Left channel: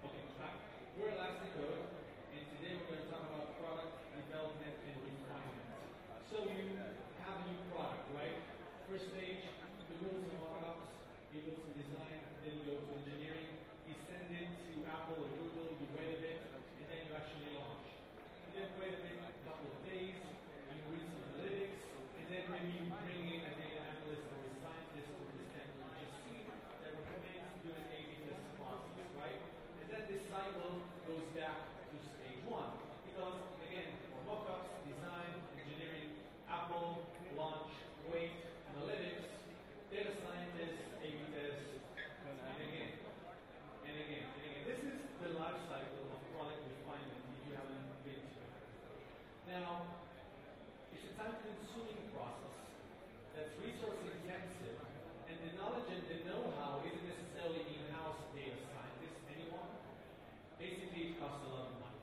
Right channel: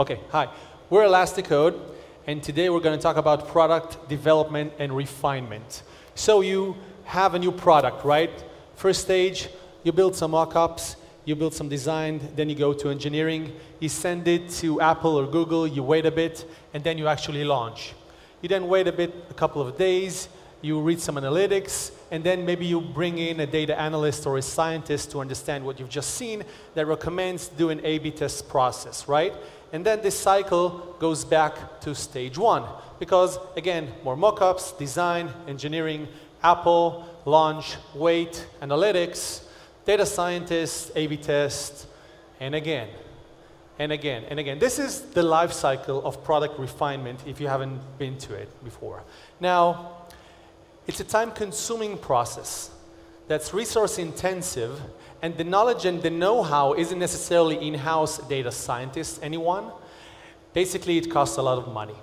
Okay, hi. We're Elasticode, and today we're going to talk about product development and refinement. So you have a new product, right? First stage, you build some mock-ups, you build some design, then you go to engineering, you send it to Apple or Google, you wait a bit, and then you actually launch. You then wait a couple of days, you read some analytics, and then maybe you bring in a data analyst or a scientist to understand what you've just seen that recommends do an A/B test process, right? And then this cycle goes back to stage one. Because, again, more mock-ups, design, engineering, Apple, launch, wait, analytics, data scientist, A/B test, and again, and again, and again. This is the life cycle of product refinement if you haven't been to it before. Now, it's a time-consuming process that's resource-intensive, and the knowledge and the know-how isn't necessarily in-house data scientists, anyone. Basically, it costs a lot of money.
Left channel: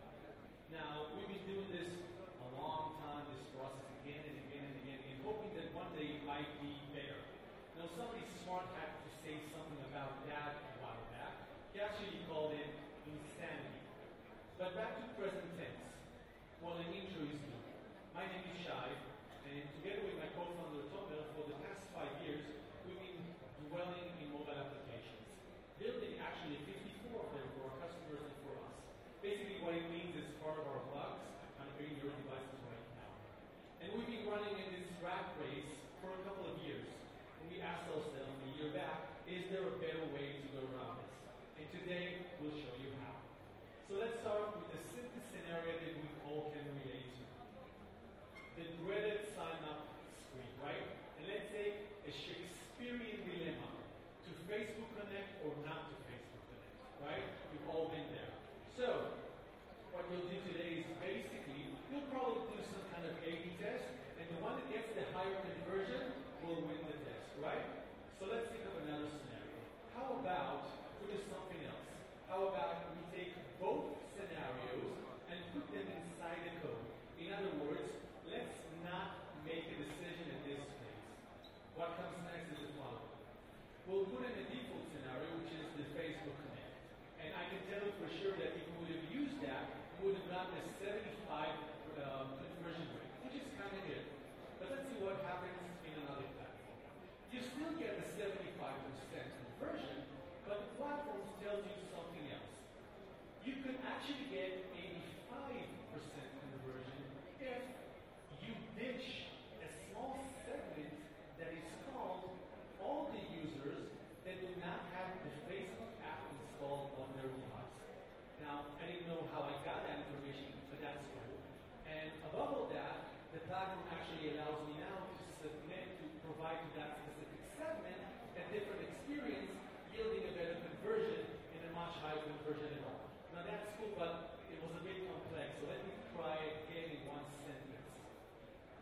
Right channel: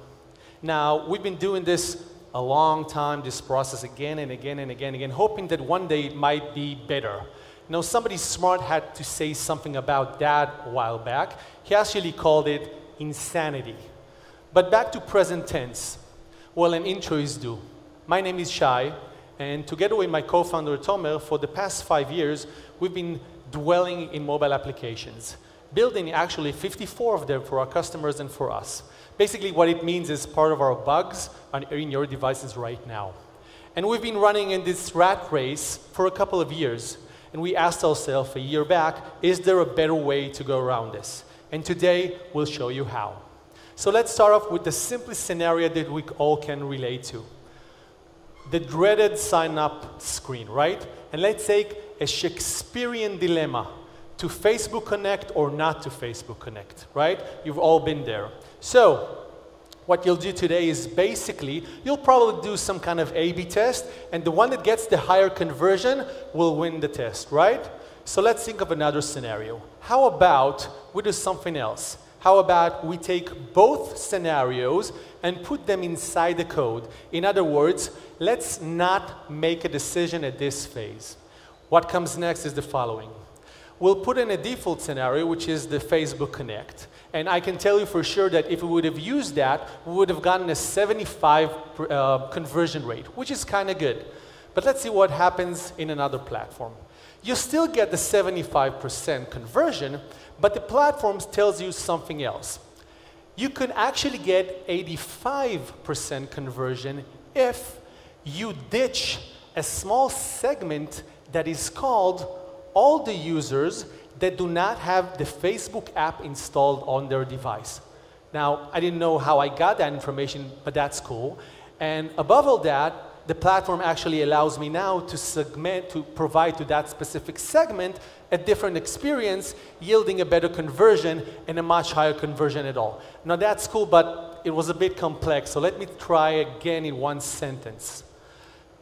Now, we've been doing this a long time, this process again and again and again and again, hoping that one day it might be better. You know, somebody smart had to say something about that a while back. He actually called it insanity. But back to present tense. Well, an intro is due. My name is Shai, and together with my co-founder Tomer, for the past 5 years, we've been dwelling in mobile applications, building actually 54 of them for our customers and for us. Basically, what it means is part of our bugs are in your devices right now. And we've been running in this rat race for a couple of years, and we asked ourselves a year back, is there a better way to go around this? And today, we'll show you how. So let's start off with the simplest scenario that we all can relate to. The dreaded sign-up screen, right? And let's take a Shakespearean dilemma, to Facebook Connect or not to Facebook Connect, right? You've all been there. So, what you'll do today is basically, you'll probably do some kind of A/B test, and the one that gets the higher conversion will win the test, right? So let's think of another scenario. How about we do something else? How about we take both scenarios and put them inside the code? In other words, let's not make a decision at this phase. What comes next is the following. We'll put in a default scenario, which is the Facebook Connect. And I can tell you for sure that if we would have used that, we would have gotten a 75 conversion rate, which is kind of good. But let's see what happens in another platform. You still get the 75% conversion, but the platform tells you something else. You could actually get 85% conversion if you ditch a small segment that is called all the users that do not have the Facebook app installed on their device. Now, I didn't know how I got that information, but that's cool. And above all that, the platform actually allows me now to segment, to provide to that specific segment a different experience, yielding a better conversion and a much higher conversion at all. Now, that's cool, but it was a bit complex, so let me try again in one sentence.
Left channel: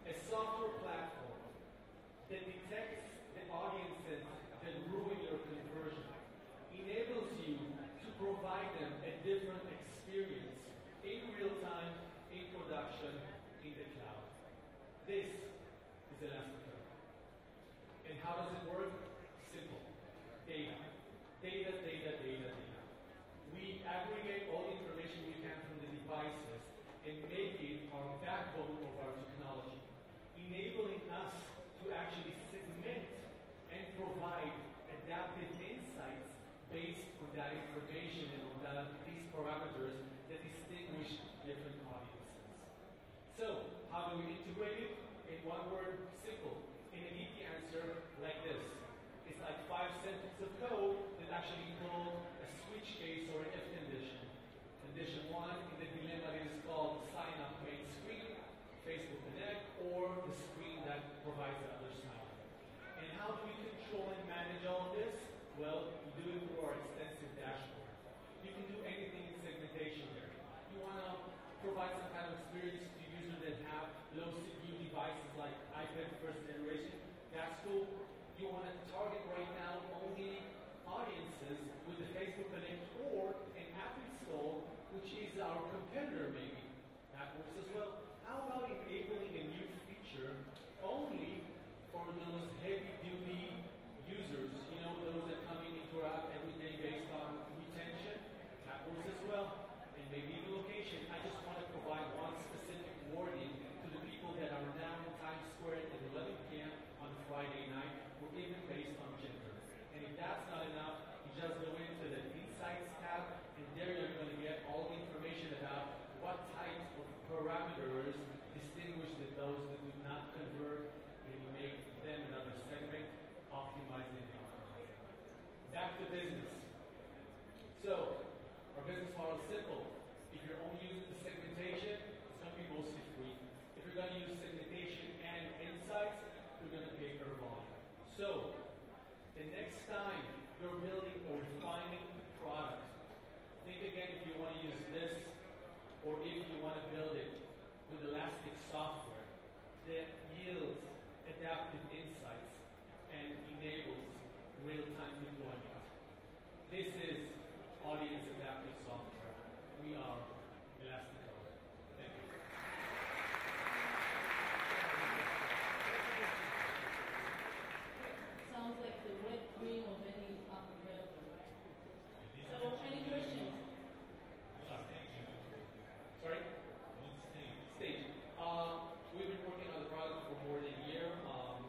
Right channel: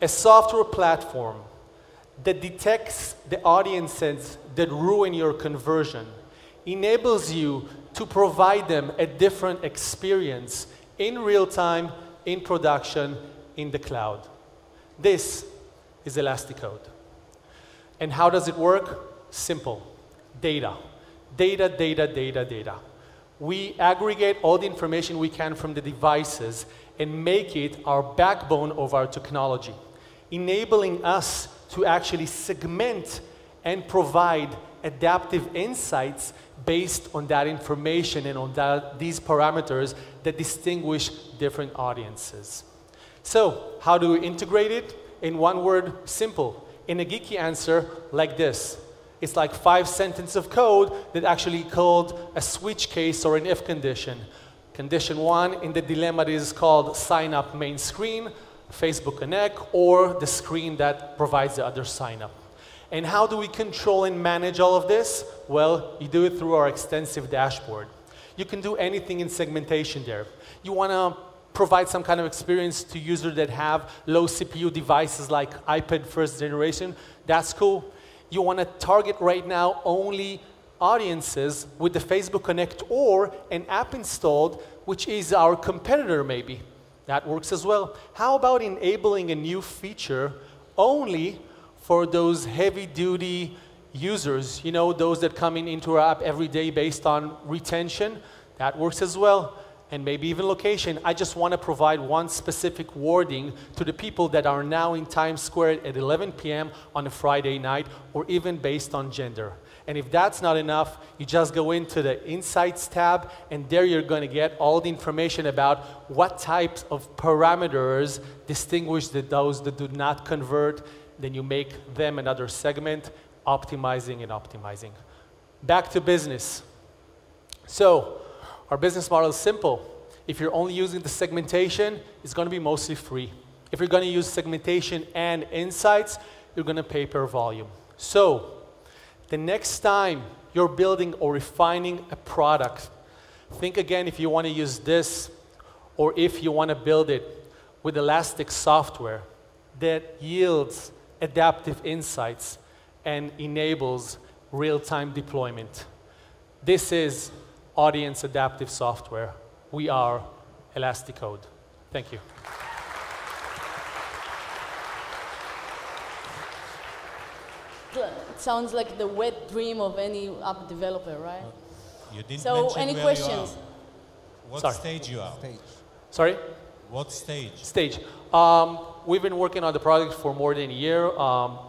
A software platform that detects the audiences that ruin your conversion, enables you to provide them a different experience in real time, in production, in the cloud. This is Elasticode. And how does it work? Simple. Data. Data, data, data, data. We aggregate all the information we can from the devices and make it our backbone of our technology, enabling us to actually segment and provide adaptive insights based on that information and on these parameters that distinguish different audiences. So, how do we integrate it? In one word, simple. In a geeky answer, like this. It's like 5 sentences of code that actually called a switch case or an if condition. Condition 1 in the dilemma is called sign up main screen, Facebook Connect, or the screen that provides the other sign up. And how do we control and manage all of this? Well, you do it through our extensive dashboard. You can do anything in segmentation there. You want to provide some kind of experience to users that have low CPU devices like iPad first generation, that's cool. You want to target right now only audiences with the Facebook Connect or an app installed, which is our competitor maybe. That works as well. How about enabling a new feature only for those heavy-duty users, you know, those that come into our app every day based on retention? That works as well. And maybe even location. I just want to provide one specific wording to the people that are now in Times Square at 11 p.m. on a Friday night, or even based on gender. And if that's not enough, you just go into the Insights tab, and there you're going to get all the information about what types of parameters distinguish those that do not convert. Then you make them another segment, optimizing and optimizing. Back to business. So, our business model is simple. If you're only using the segmentation, it's going to be mostly free. If you're going to use segmentation and insights, you're going to pay per volume. So, the next time you're building or refining a product, think again if you want to use this or if you want to build it with Elastic software that yields adaptive insights and enables real-time deployment. This is audience adaptive software. We are Elasticode. Thank you. It sounds like the wet dream of any app developer, right? You didn't so mention any where questions? you are. What stage you are? Sorry? What stage? Stage. We've been working on the product for more than a year.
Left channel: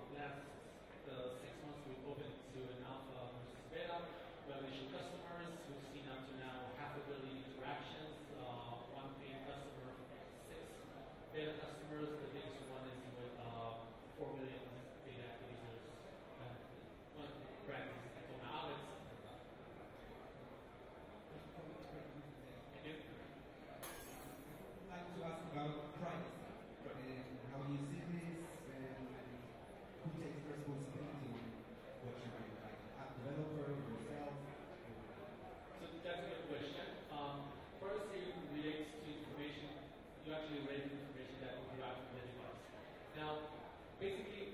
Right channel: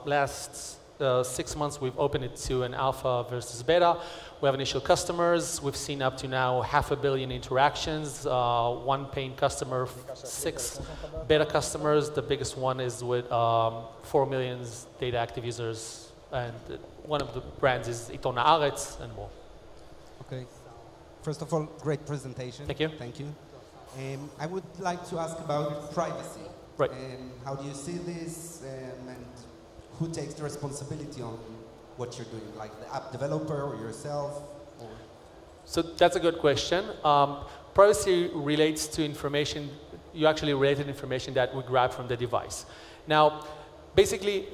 Last 6 months, we've opened it to an alpha versus beta. We have initial customers. We've seen up to now 500 million interactions, 1 paying customer, 6 beta customers. The biggest one is with 4 million data active users. And one of the brands is Iton Haaretz and more. Okay. First of all, great presentation. Thank you. Thank you. I would like to ask about privacy. Right. How do you see this, and who takes the responsibility on what you're doing, like the app developer or yourself? Or? So that's a good question. Privacy relates to information, you actually related information that we grab from the device. Now, basically,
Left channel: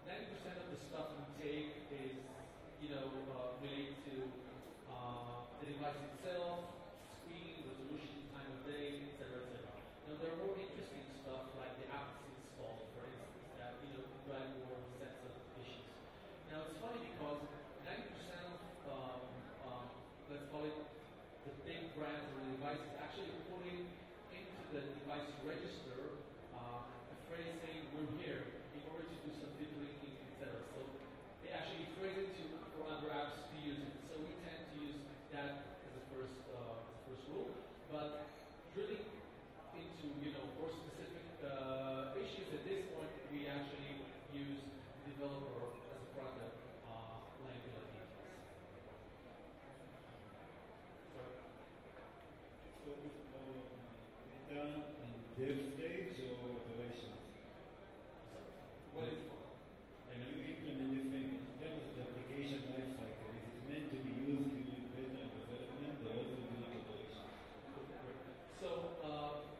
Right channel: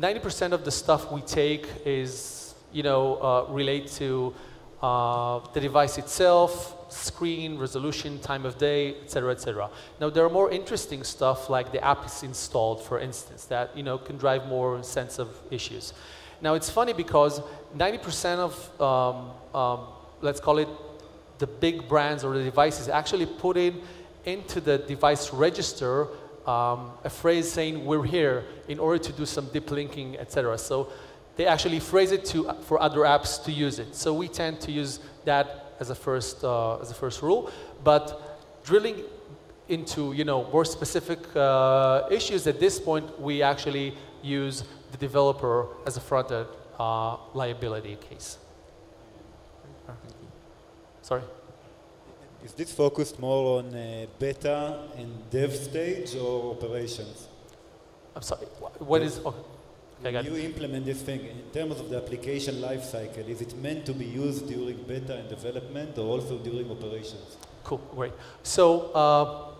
90% of the stuff we take is, relate to the device itself, screen, resolution, time of day, etc., etc. Now, there are more interesting stuff like the app is installed, for instance, that can drive more sense of issues. Now, it's funny because 90% of, let's call it, the big brands or the devices actually put into the device register a phrase saying, we're here, in order to do some deep linking, etc. So they actually phrase it for other apps to use it. So we tend to use that as a first rule. But drilling into more specific issues, at this point, we actually use the developer as a front-end liability case. Sorry? Is this focused more on beta and dev stage or operations? I'm sorry, what is... Okay. When you implement this thing, in terms of the application lifecycle, is it meant to be used during beta and development or also during operations? Cool, great. So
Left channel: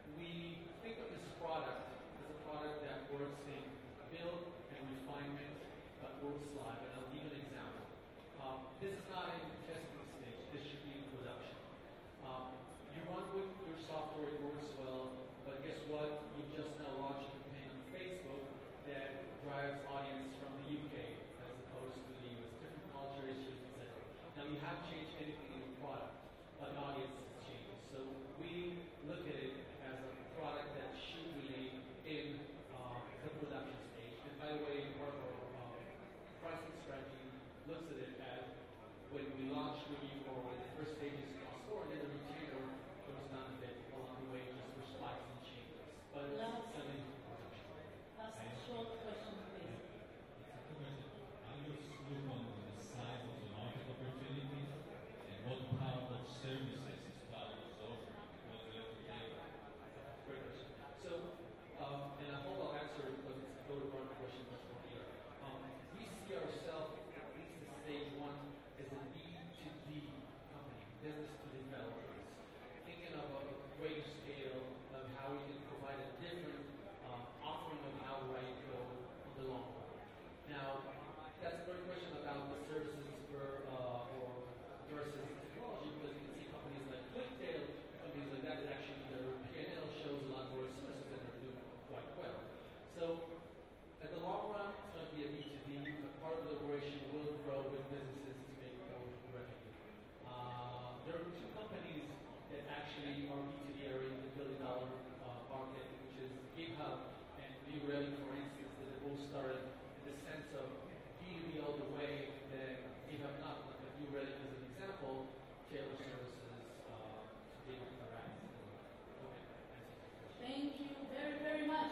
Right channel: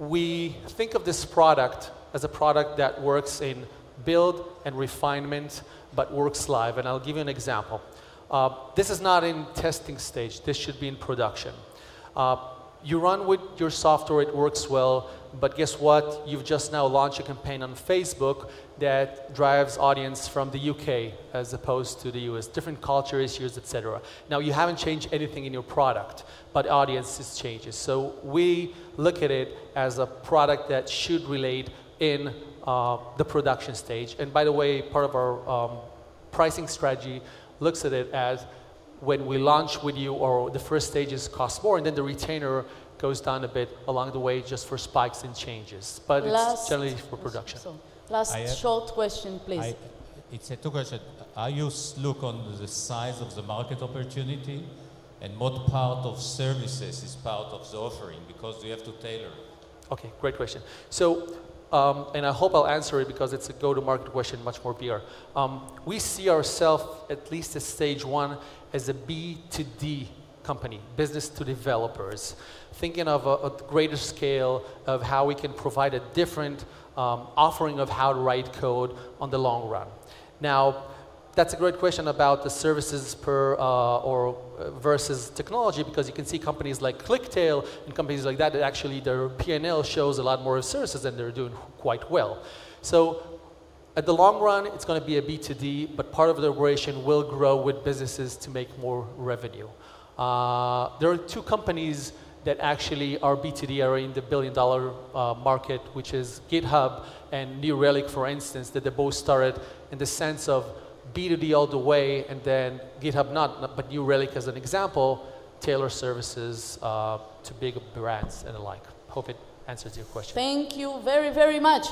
we think of this product as a product that works in build and refinement, but works live. And I'll give you an example. This is not in testing stage. This should be in production. You run with your software, it works well, but guess what? You've just now launched a campaign on Facebook that drives audience from the UK as opposed to the US, different culture issues, etc. Now, you haven't changed anything in your product, but audiences changes. So we look at it as a product that should relate in the production stage. And by the way, part of our pricing strategy looks at it as when we launch with you, or the first stages cost more, and then the retainer goes down a bit along the way just for spikes and changes. But it's generally for production. So, last short question, please. It's a two question. I use look on the size of the market opportunity and what part of services is part of the offering, because you have to tailor. Okay, great question. So, and I hope I'll answer it because it's a go-to-market question, much more PR. We see ourselves, at least at stage one, as a B2D company, business to developers, thinking of a greater scale of how we can provide a different offering of how to write code on the long run. Now, that's a great question about the services versus technology, because you can see companies like ClickTail and companies like that actually their P&L shows a lot more services and they're doing quite well. So at the long run, it's going to be a B2D, but part of the operation will grow with businesses to make more revenue. There are two companies that actually are B2D, are in the billion-dollar market, which is GitHub and New Relic, for instance, that they both started in the sense of B2D all the way, and then GitHub not, but New Relic as an example, tailor services to big brands and the like. Hope it answers your question. Thank you very, very much.